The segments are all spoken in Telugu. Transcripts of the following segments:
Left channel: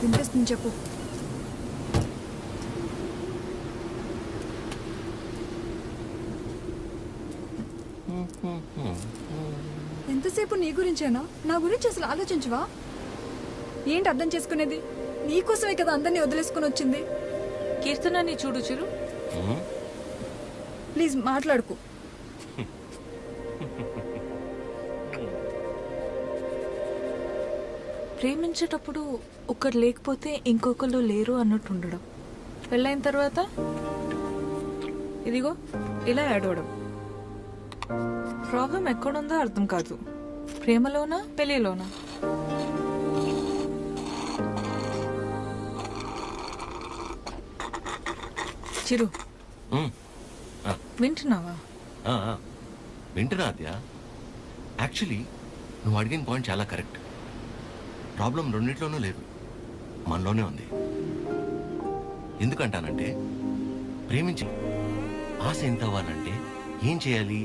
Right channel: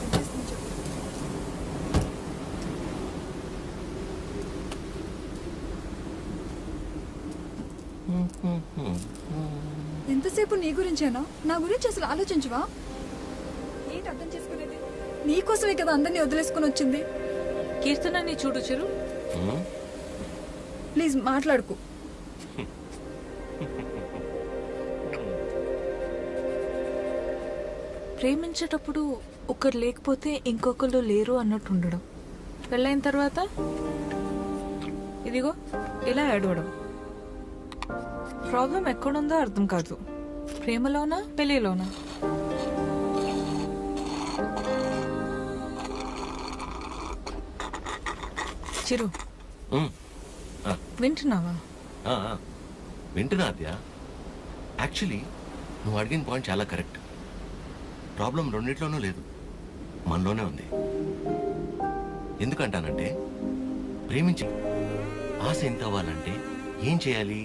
వినిపిస్తుంది చెప్పు. ఎంతసేపు నీ గురించేనా? నా గురించి అసలు ఆలోచించవా? ఏంటి అర్థం చేసుకునేది? నీకోసమే కదా అందరినీ వదిలేసుకుని వచ్చింది. కీర్తనని చూడు చిరు. ప్లీజ్ మాట్లాడుకు. ప్రేమించేటప్పుడు ఒకరు లేకపోతే ఇంకొకరు లేరు అన్నట్టు ఉండడం, పెళ్ళైన తర్వాత ఇదిగో ఇలా ఏడవడం. ప్రాబ్లం ఎక్కడుందో అర్థం కాదు. ప్రేమలోనా పెళ్ళిలోనా? చిరు వింటున్నావా? వింటున్నా అద్యా. యాక్చువల్లీ నువ్వు అడిగిన పాయింట్ చాలా కరెక్ట్. ప్రాబ్లం రెండిట్లోనూ లేదు, మనలోనే ఉంది. ఎందుకంటానంటే ప్రేమించి ఆశ ఎంత అవ్వాలంటే ఏం చేయాలి?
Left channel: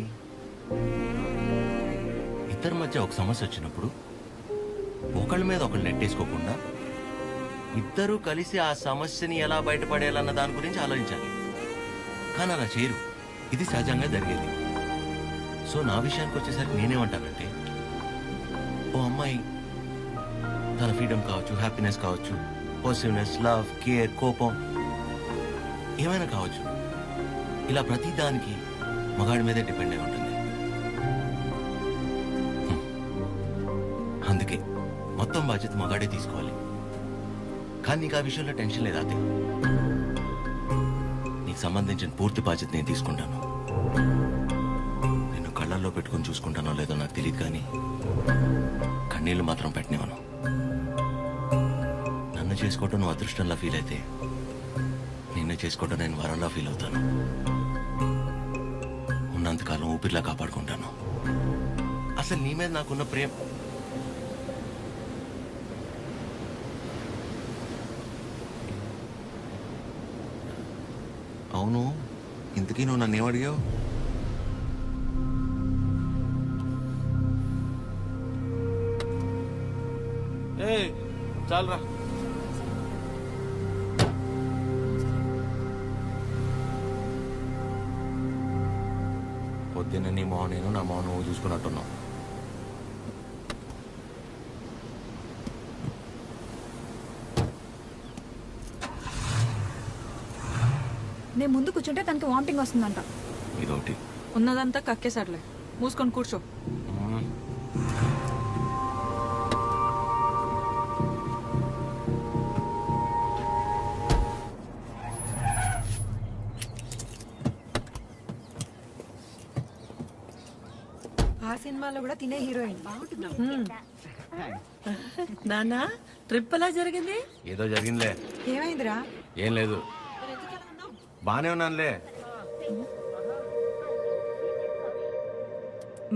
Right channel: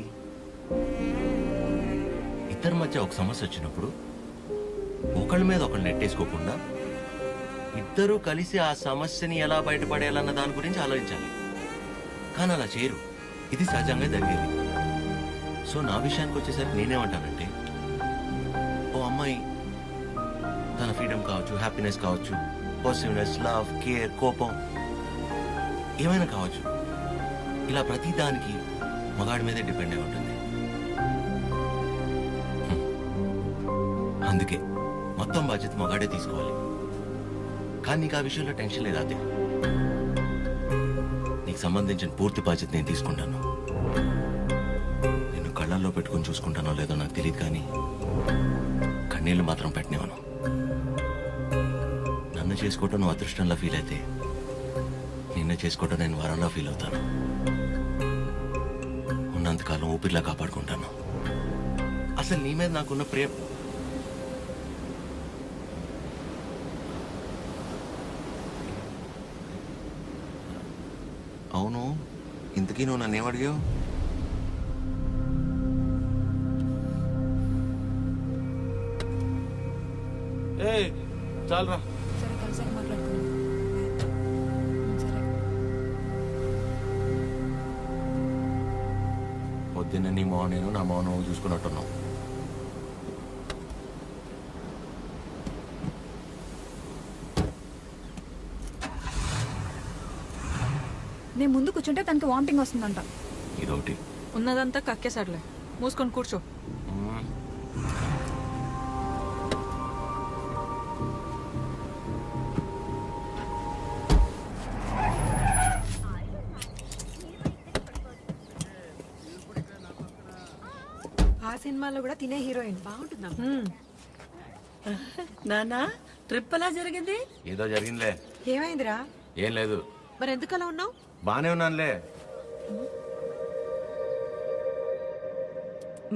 ఇద్దరి మధ్య ఒక సమస్య వచ్చినప్పుడు ఒకళ్ళ మీద ఒకళ్ళు నెట్టేసుకోకుండా ఇద్దరూ కలిసి ఆ సమస్యని ఎలా బయటపడేయాలన్న దాని గురించి ఆలోచించాలి. కానీ అలా చేయరు. ఇది సహజంగా జరిగేది. సో నా విషయానికి వచ్చేసరికి నేనేమంటానంటే, ఓ అమ్మాయి తన ఫ్రీడమ్ కావచ్చు, హ్యాపీనెస్ కావచ్చు, పాజిటివ్నెస్, లవ్, కేర్, కోపం ఏమైనా కావచ్చు, ఇలా ప్రతి దానికి మగాడి మీదే డిపెండ్ అయి ఉంటుంది. అందుకే మొత్తం బాధ్యత మగాడే తీసుకోవాలి. కానీ నీకు ఆ విషయంలో టెన్షన్ లేదా అదే? నీకు సంబంధించిన పూర్తి బాధ్యత నేను తీసుకుంటాను. నిన్ను కళ్ళల్లో పెట్టుకుని చూసుకుంటానో లేదో నాకు తెలియదు, కానీ కన్నీళ్లు మాత్రం పెట్టనివ్వను. నన్ను చేసుకోవటం నువ్వు అదృష్టంలా ఫీల్ అయితే, నిన్ను చేసుకోవటం నేను వరంలా ఫీల్ అవుతాను. ఉన్నంతకాలం ఊపిరిలా కాపాడుకుంటాను. అసలు నీ మీద నాకున్న ప్రేమ అవును. ఇంతకీ నువ్వు నన్ను ఏమడిగావు? చాలరా. సరే కలిసి మాట్లాడుకున్నాం. సరే. పొద్దున్న నీ మౌన నేను, నా మౌన నువ్వు చూసుకున్నట్టున్నావు. నేను ముందు కూర్చుంటే తనకి వామిటింగ్ వస్తుందంట. ఇదొకటి. ఉన్నదంతా కక్కేసాడులే, మూసుకొని కూర్చో. ఆ సినిమాలో కూడా తినే హీరోయిన్ బాగుంటుందా? నానా ట్రిప్ ఎలా జరిగింది? ఏదో జరిగిందిలే. ఏమైందిరా? ఏం లేదు. మరి ఎందుకు అలా ఉన్నావు? బానే ఉన్నానులే.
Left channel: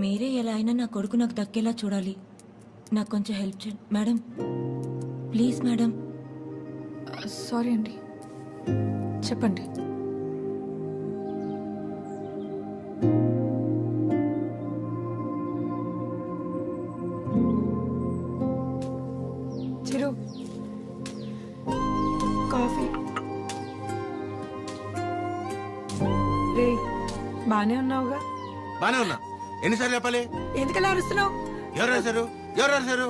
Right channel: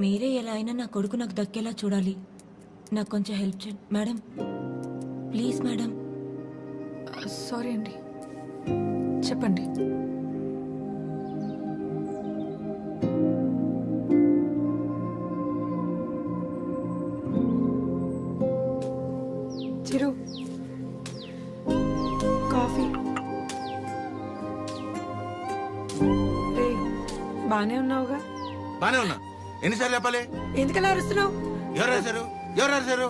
మీరే ఎలా అయినా నా కొడుకు నాకు దక్కేలా చూడాలి. నాకు కొంచెం హెల్ప్ చేయండి మేడం, ప్లీజ్ మేడం. సారీ అండి, చెప్పండి. చిరు కాఫీ. రే బానే ఉన్నావుగా? బానే ఉన్నా. ఎన్నిసార్లు చెప్పాలి? ఎందుకలా అరుస్తున్నావు? ఎవరు రాశారు? ఎవరు రాశారు?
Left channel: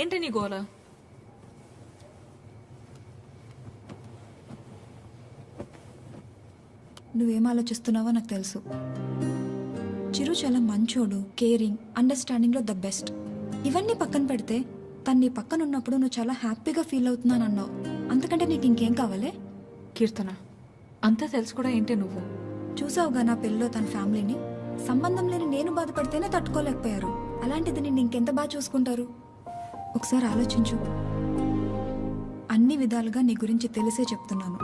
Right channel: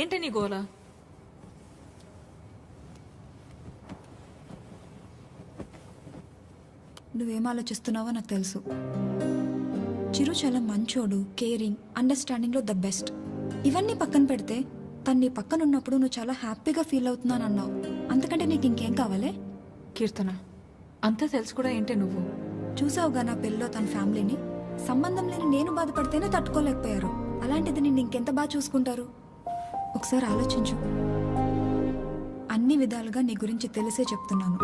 ఏంటి నీ గోల? నువ్వేం ఆలోచిస్తున్నావో నాకు తెలుసు. చిరు చాలా మంచోడు, కేరింగ్, అండర్స్టాండింగ్లో ద బెస్ట్. ఇవన్నీ పక్కన పెడితే తను నీ పక్కన ఉన్నప్పుడు నువ్వు చాలా హ్యాపీగా ఫీల్ అవుతున్నాను అన్నావు. అంతకంటే నీకు ఇంకేం కావాలి? కీర్తన, అంతా తెలుసు కూడా ఏంటి నువ్వు? చూసావుగా నా పెళ్ళిలో తన ఫ్యామిలీని. సంబంధం లేని నేను బాధపడితేనే తట్టుకోలేకపోయారు. అలాంటిది నిన్ను ఇంకెంత బాగా చూసుకుంటారు? ఒకసారి ఆలోచించు. అన్ని విధాలుగా నీ గురించి తెలిసే చెప్తున్నాను.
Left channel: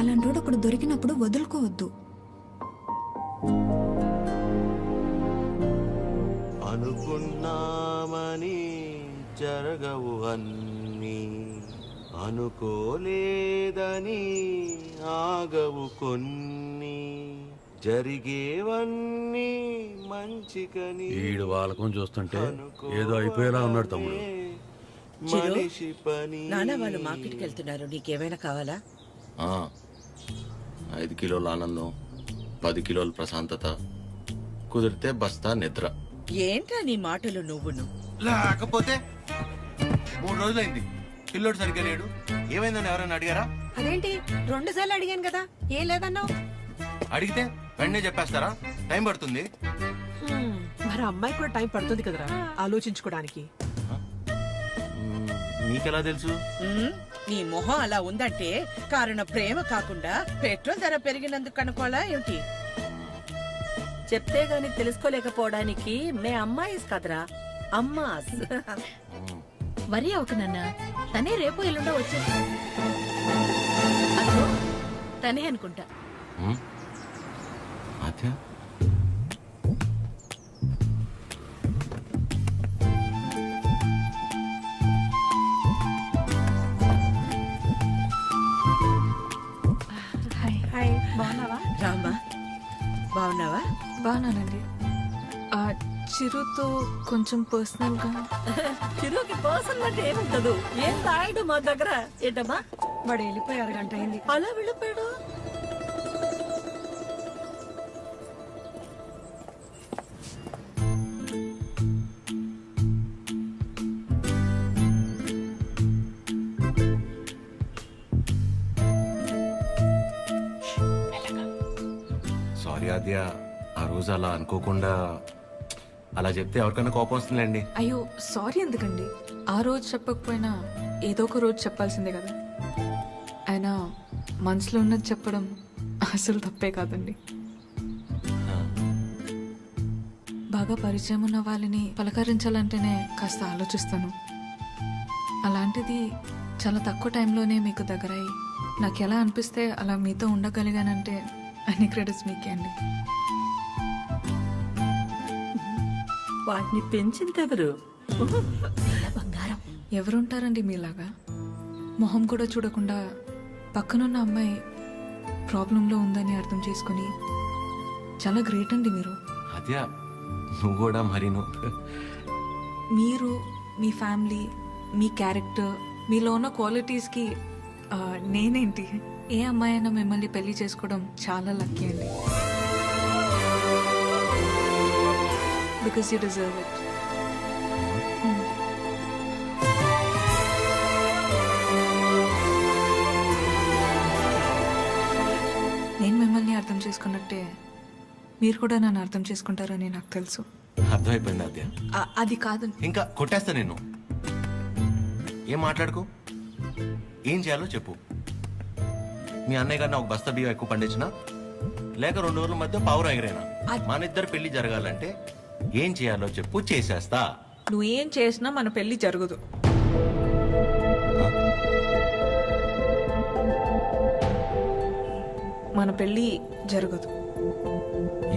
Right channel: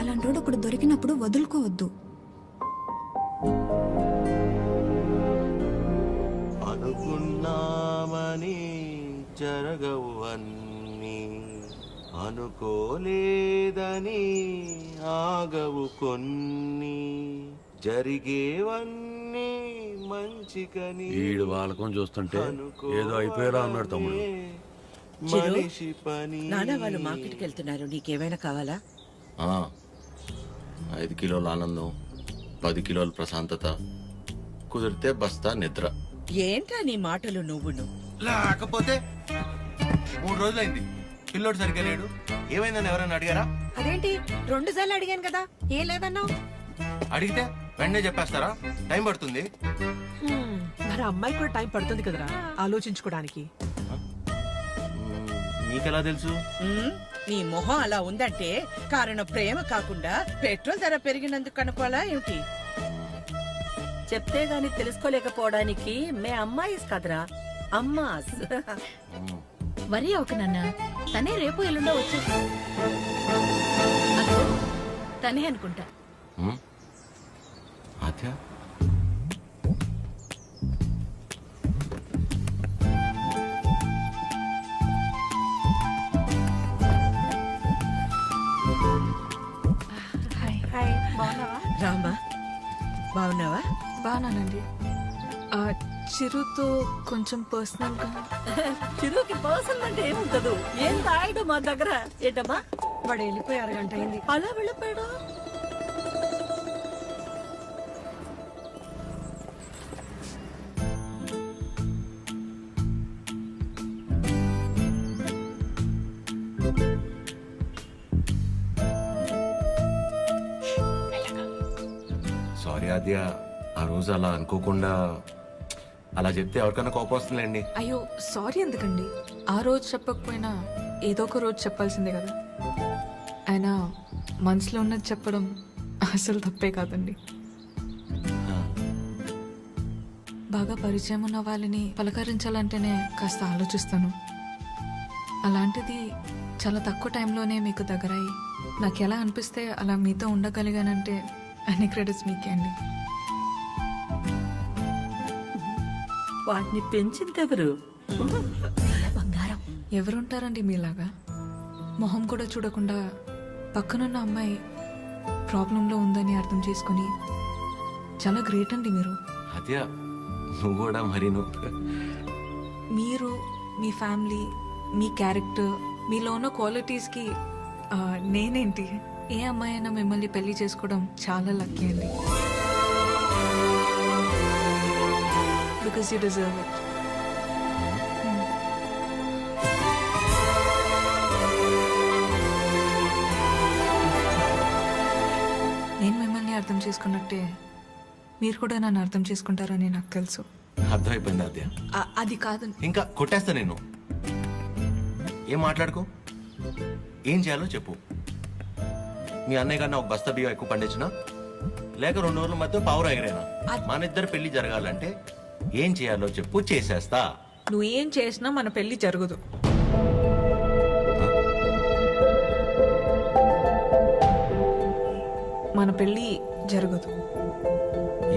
అలాంటోడు ఒకడు దొరికినప్పుడు వదులుకోవద్దు. అనుకున్నామని జరగవు అన్నీ, అనుకోలేదని ఆగవు కొన్ని జరిగేవన్నీ మంచికని ఈడు వాళ్ళకం చూస్తుంటే ఏదో అయిపోయేలా ఉన్నాడు తమ్ముడు. మనిషి పని నాన్న వాళ్ళు మార్కెట్కి వెళ్తున్నారు, నీకేమైనా కావాలా? 5 కిలోల ఆనందం, 10 కిలోల ప్రశాంతత, కుదిరితే బస్తా నిద్ర. ఏంట్రా నీ మాటలు నువ్వును? లేకపోతే 3 రోజులైంది పిల్లోడు సరిగ్గా లేడు. ఏమైందని ఎవరైనా అడిగారా? అదేంటి 2 సార్లు అడిగాను కదా, ఏం లేదన్నావు? అడిగితే వెంటనే చెప్పేస్తారా? టైం పడుతుంది. మరి అమ్మాయి కూడా టైం పడుతుంది కదరా ఆలోచించుకోవడానికి. మీకెలా తెలుసు? నీ మొహం అలా ఉందంటే కారణం ప్రేమ కాకుండా పెట్రోల్ ధర పెరిగినందుకు అనుకోవాలా ఏమిటి? చెప్తే గాని తెలుసుకోలేకపోవడానికి మే అమ్మాయిస్ కదరా అమ్మాస్. వరి ఒక నాన్న, తనే రేపు ఎల్లుండో వచ్చేసి అదో తనే అనుకుంటా. అదే హాయ్, బాగున్నావా? రామా బాగున్నావా? బాగానండి. చిరుతో కొంచెం పర్సనల్గా. చిరుకి పర్సనల్ అంటే ఏముంటదు, ఏం రాయడు మా దగ్గర. ఏంటమ్మా వాడు వెళ్ళిపోయి 6 గంట అయింది. అలా వెళ్ళిపోయాడు? సారీ ఆద్య, ఆ రోజు అలా అనుకోకుండా అలా చెప్తే ఎవరికైనా కోపం వస్తుందండి. అయ్యో సారీ ఎందుకండి, ఆ రోజు చెప్పకపోయినా ఏదో ఒక రోజు చెప్పాల్సిందే కదా. అయినా మనసులో ఉన్నది చెప్పడం అసలు తప్పే కాదండి. బాగా పరిచయం ఉన్న వాళ్ళని పలకరించాలంటేనే కాస్త ఆలోచిస్తాను. అలాంటిది చాలా తక్కువ టైంలోనే మీకు దగ్గరయ్యి నాకు ఎలా అనిపిస్తే అలా మీతో ఉండగలిగానంటే అన్ని క్రెడిట్స్ మీకే అండి. వాటిని పెంచిందెవరు? బంగారం ఎవరుంటారండి మీలాగా? మొహం కూడా చూడకుండా పక్కనున్న అమ్మాయి ప్రాబ్లంలో ఉందని అర్థం చేసుకొని చాలా గ్రేట్ అండి మీరు. ఆద్య నువ్వు కూడా మరి మీరు, మీ ఫ్యామిలీ, మీ క్యారెక్టర్, మీలో ఉన్న క్వాలిటీస్కి నేనేంటి, ఏ అమ్మాయి అయినా మిమ్మల్ని పెళ్లి చేసుకోవడం చాలా లక్కీ అండి. Because you deserve it. నేను మిమ్మల్ని అర్థం చేసుకున్నట్టే మీరు కూడా నన్ను అర్థం చేసుకుంటారని నాకు తెలుసు. అర్థమైపోయింది ఆద్య. అది కాదు, ఇంకా కొట్టేస్తా నిన్ను. ఏం మాట్లాడుకో, ఏం చేయాలో చెప్పు. మీ అన్నయ్య కన్నా ఒక బస్తా బియ్యం ఎక్కువ పండించినా, లేక 2 రోజుల మధ్య పావురం ఎగిరేనా, మన ఇద్దరు పెళ్లి జరగాలంటే ఏం చేయాలో చెప్పు, చేసేస్తా. నువ్వు ఏం చేసినా మన పెళ్లి జరగదు. మన పెళ్ళి జరగదు.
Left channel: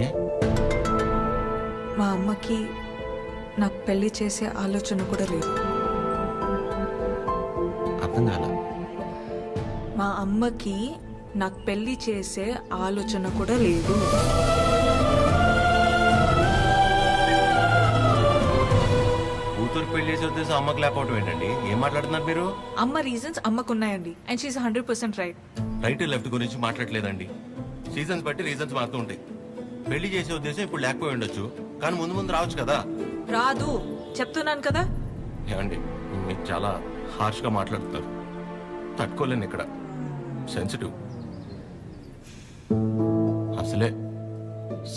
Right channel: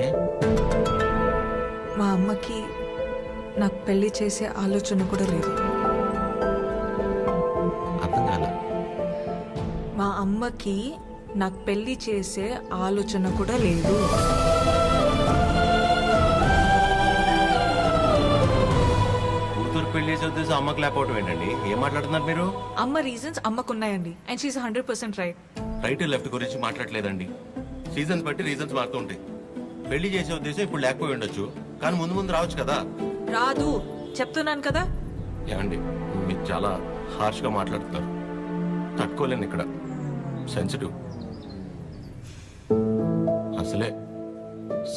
ఏ? మా అమ్మకి నాకు పెళ్లి చేసే ఆలోచన కూడా లేదు. అర్థం కాల. మా అమ్మకి నాకు పెళ్లి చేసే ఆలోచన కూడా లేదు. కూతురు పెళ్లి చేసే ఉద్దేశం అమ్మకు లేకపోవటం ఏంటండి? ఏం మాట్లాడుతున్నారు మీరు? అమ్మ రీజన్స్ అమ్మకున్నాయండి, and she is 100% right. Right left గురించి మాట్లాడలేదండి. సీజన్స్ బట్టి రీజన్స్ మారుతూ ఉంటాయి. పెళ్లి చేసే ఉద్దేశం ఇప్పుడు లేకపోయి ఉండొచ్చు, కానీ ముందు ముందు రావచ్చు కదా. రాదు చెప్తున్నాను కదా. ఏమండి మీరు చాలా హార్ష్గా మాట్లాడుతున్నారు, తట్టుకోలేను. ఇక్కడ సెన్సిటివ్. అసలే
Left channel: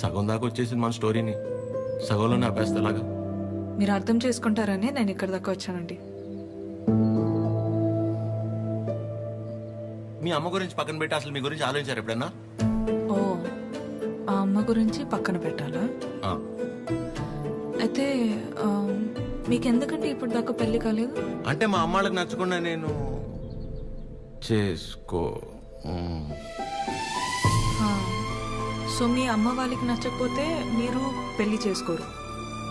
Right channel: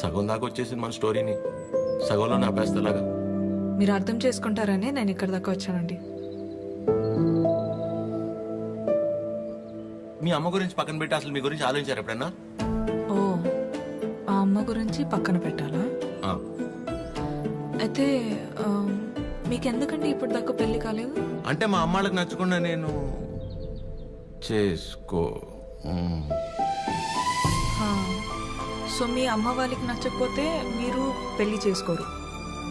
సగం దాకా వచ్చేసింది మన స్టోరీని, సగంలోనే ఆపేస్తేలాగా. మీరు అర్థం చేసుకుంటారని నేను ఇక్కడ దాకా వచ్చానండి. మీ అమ్మ గురించి పక్కన పెట్టి అసలు మీ గురించి ఆలోచించారు ఎప్పుడన్నా? ఓ, ఆ అమ్మ గురించి పక్కన పెట్టాలా? ఆ. అయితే మీకెందుకండి ఇప్పుడు దాకా పెళ్లి కాలేదు? అంటే మా అమ్మాళ్ళకి నచ్చకుండా నేను చేసుకో. సో మీ అమ్మ వాళ్ళకి నచ్చకపోతే మీరు పెళ్లి చేసుకోరు.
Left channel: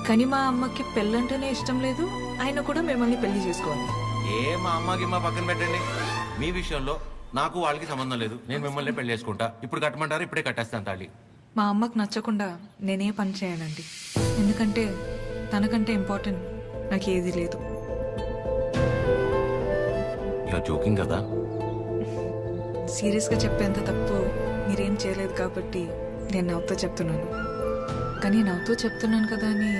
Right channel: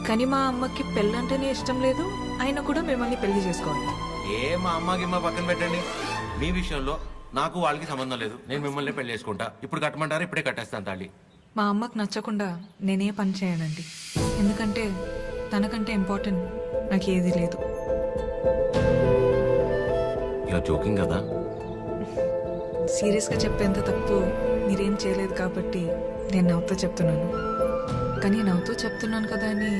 కానీ మా అమ్మకి పెళ్ళంటేనే ఇష్టం లేదు, ఆయన కూడా మిమ్మల్ని పెళ్లి చేసుకోవాలి. మా అమ్మకి మా పక్కన పెట్టండి. మీ విషయంలో నాకు వాళ్ళకి సంబంధం లేదు. నేను మిమ్మల్ని పెళ్లి చేసుకుంటా. ఇప్పుడు కట్టమంటారా? ఇప్పుడే కట్టేస్తాను తాళి. మా అమ్మకు నచ్చకుండా నేనే పని చేయనండి. ఎందుకంటే తనకంటే ఇంపార్టెంట్ నాకు ఏది లేదు. ఇలా జోకింగ్ కదా. సీరియస్గా చెప్పేంత తప్పు మీరేం చేయలేదు కాబట్టి నేను నవ్వుతూ చెప్తున్నాను. కానీ నవ్వుతూ చెప్తున్నాను కదా అని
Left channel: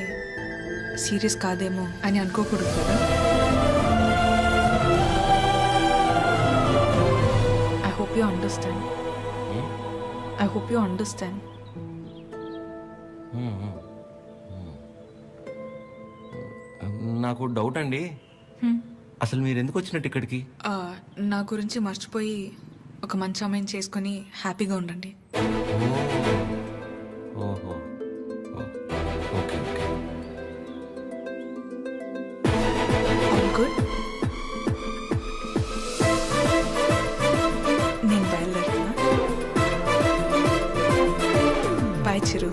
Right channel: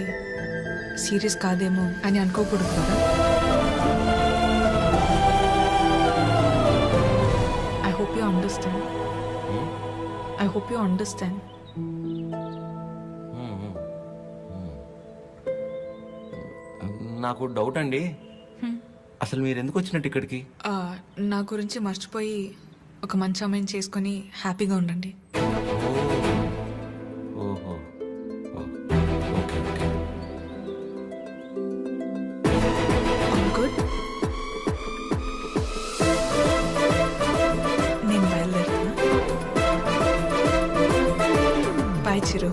సీరియస్ కాదేమో అని అనుకోకూడదు కదా. I hope you understand. I hope you understand. నాకు డౌట్ అండి. అసలు మీరు ఎందుకు వచ్చినట్టు ఇక్కడికి? నా గురించి మర్చిపోయి ఒక మంచి అమ్మాయిని చేసుకొని హ్యాపీగా ఉండండి. ఓహో, ఓకే ఓకే. All good. నేను బయలుదేరుతున్నా. బాయ్ చిరు.